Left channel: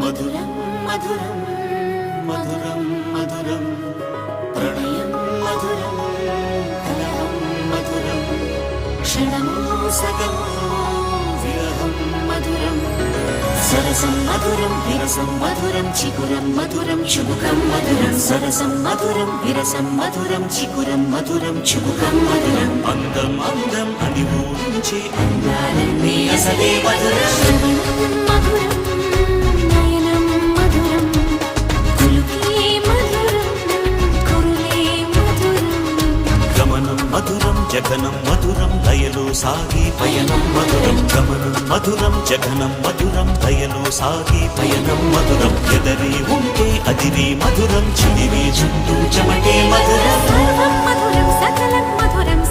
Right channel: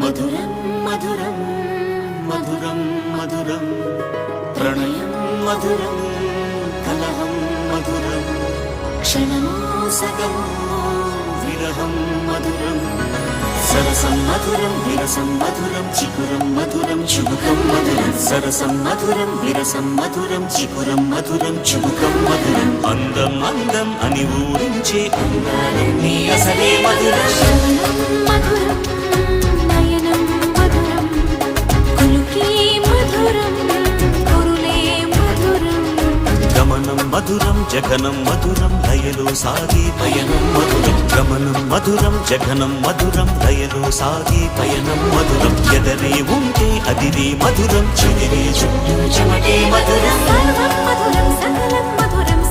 మధురం మధురం మధురం మధురం ప్రణయం మధురం కలహం మధురం క్షణము సగము విరహం మధురం సరసం మధురం విరసం మధురం చికురం మధురం చుబుకం మధురం సరసం మధురం విరసం మధురం చికురం మధురం చుబుకం మధురం అందం అందం అని ఊరించే అందాలన్నీ అసలే మధురం శ్రవణం మధురం నయనం మధురం కులుకే మధురం కురులే మధురం గమనం మధురం జగనం మధురం లయలో సాగే పయనం మధురం గమనం మధురం జగనం మధురం లయలో సాగే పయనం మధురం ఎదరే ఉంటే అదిరే మధురం చెదిరే చుట్టూ చెమటే మధురం సర్వం మధురం సకలం మధురం